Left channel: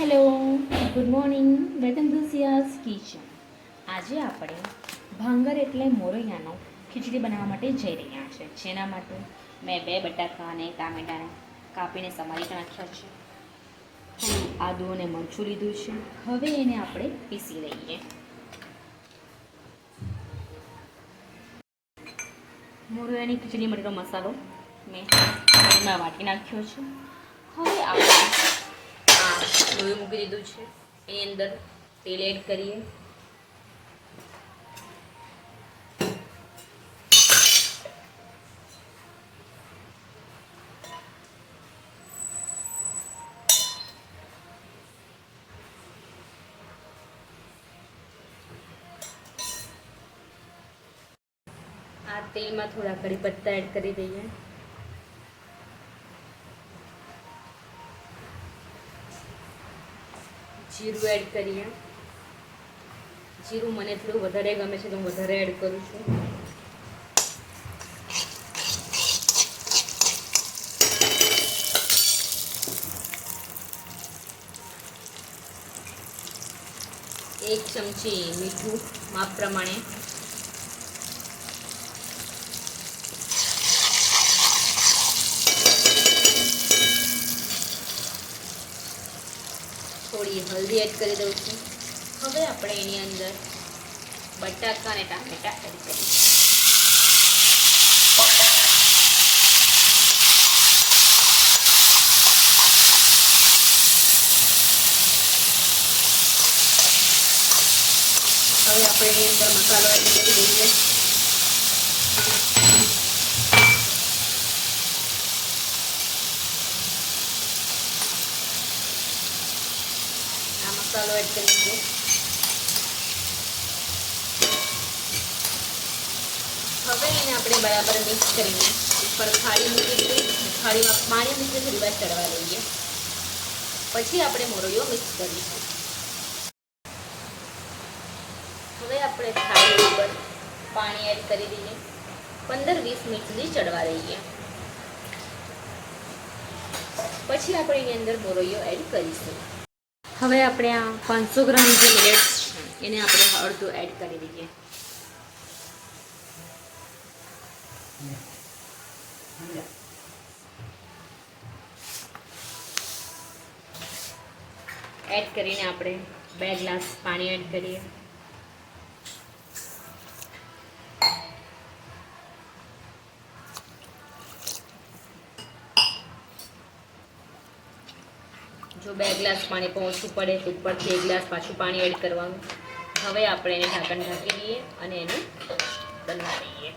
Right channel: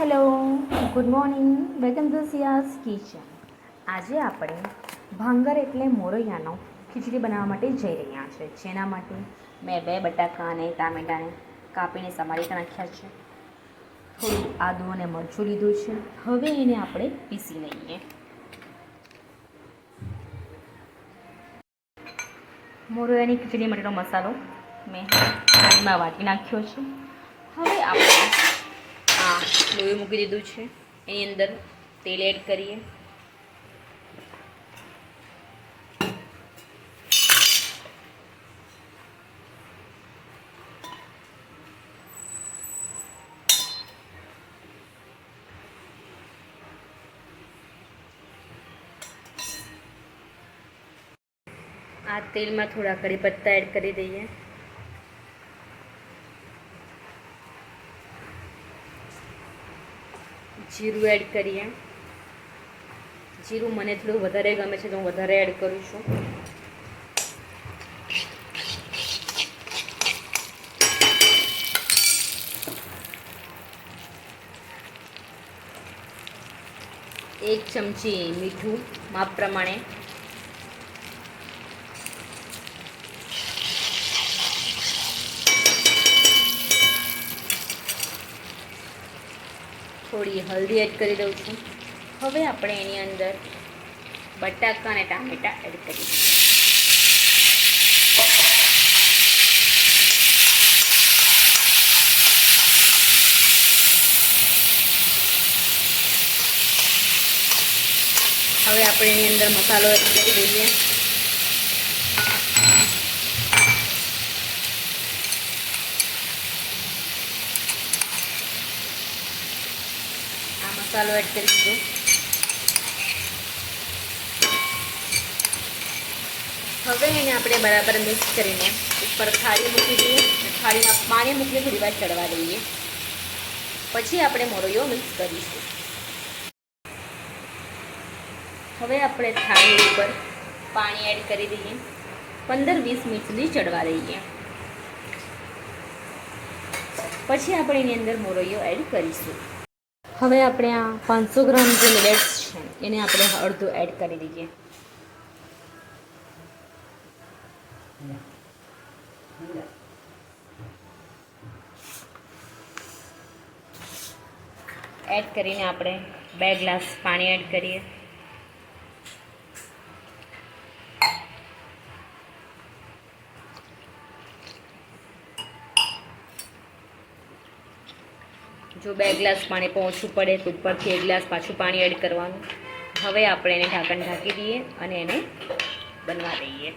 Hello, good morning, welcome to Ciaz kitchen. આજે આપણે ભાંગર એટલે મોરૈયાનો ખીચડી બનાવવા માટે જઈ રહ્યા છે. જેના માટે મેં 2 બટાકા અને ટામેટાને કાપીને સમારી નાખ્યા છે. થોડું આદું અને મરચું લીધું છે. હવે એને આપણે પીસી લઈએ. મોરૈયાની ખીચડી માટેનો મસાલો મેં પાણીમાં વાટી નાખ્યો છે. હવે આપણે લોહી મૂકી દીધું છે. એની અંદર તેલ એડ કરીએ. આ તેલમાં થોડા કઢી પત્તા એડ કરી દઈએ. જીરું એડ કરીએ. જીરું મને થોડું વધારે ગમે છે તો હું વધારે એડ કરું છું. એક ચમચી મીઠું માપ પ્રમાણે. થોડી હલ્દી એડ કરી દઉં છું. હવે આપણે એની અંદર બટાકા અને ટામેટા એડ કરીએ. હવે આપણે એની અંદર મસાલો એડ કરી દઈએ. મસાલો એડ કરી દીધો. હવે એને આપણે બરાબર મિક્સ કરીને ઉપર થાળી મૂકી દઈએ. થાળીમાં પાણી મૂકીને થોડી વાર ચડવા દઈએ. પછી આપણે મોરૈયો મિક્સ કરીશું. હવે આપણે થાળી ઉપર પાણી એડ કરી દઈએ. 15-20 મિનિટ સુધી ચડવા દઈએ. પછી આપણે એની અંદર મોરૈયો એડ કરીશું. હવે આપણે આ 500 ગ્રામ જે મિલેટ્સ છે એને આપણે અડધું એડ કરી દઈએ. એડ કરીને આપણે 2 ગ્લાસ પાણી એડ કરીએ. જો 2 ગ્લાસ પાણી ઓછું પડે તો ઉપરથી 1 ગ્લાસ પાછું પાણી એડ કરવાનું. હવે આપણે એને ઢાંકણ ઢાંકી દઈએ અને એને બનવા દઈએ.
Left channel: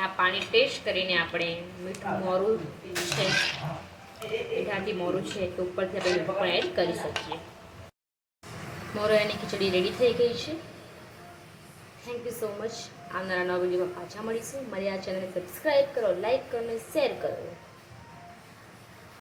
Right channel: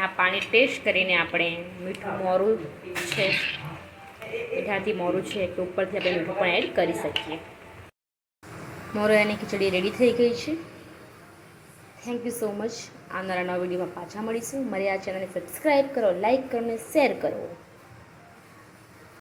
આ પાણી ટેસ્ટ કરીને આપણે મીઠું મોરું છે, મીઠાથી મોરું છે તો ઉપરથી આપણે મીઠું પણ એડ કરી શકીએ. મોરૈયાની ખીચડી રેડી થઈ ગઈ છે. Thank you so much. આવનારા નવા વિડીયોમાં પાછા મળીશું. મારી આ ચેનલને સબસ્ક્રાઈબ કરો, લાઈક કરો અને શેર કરો.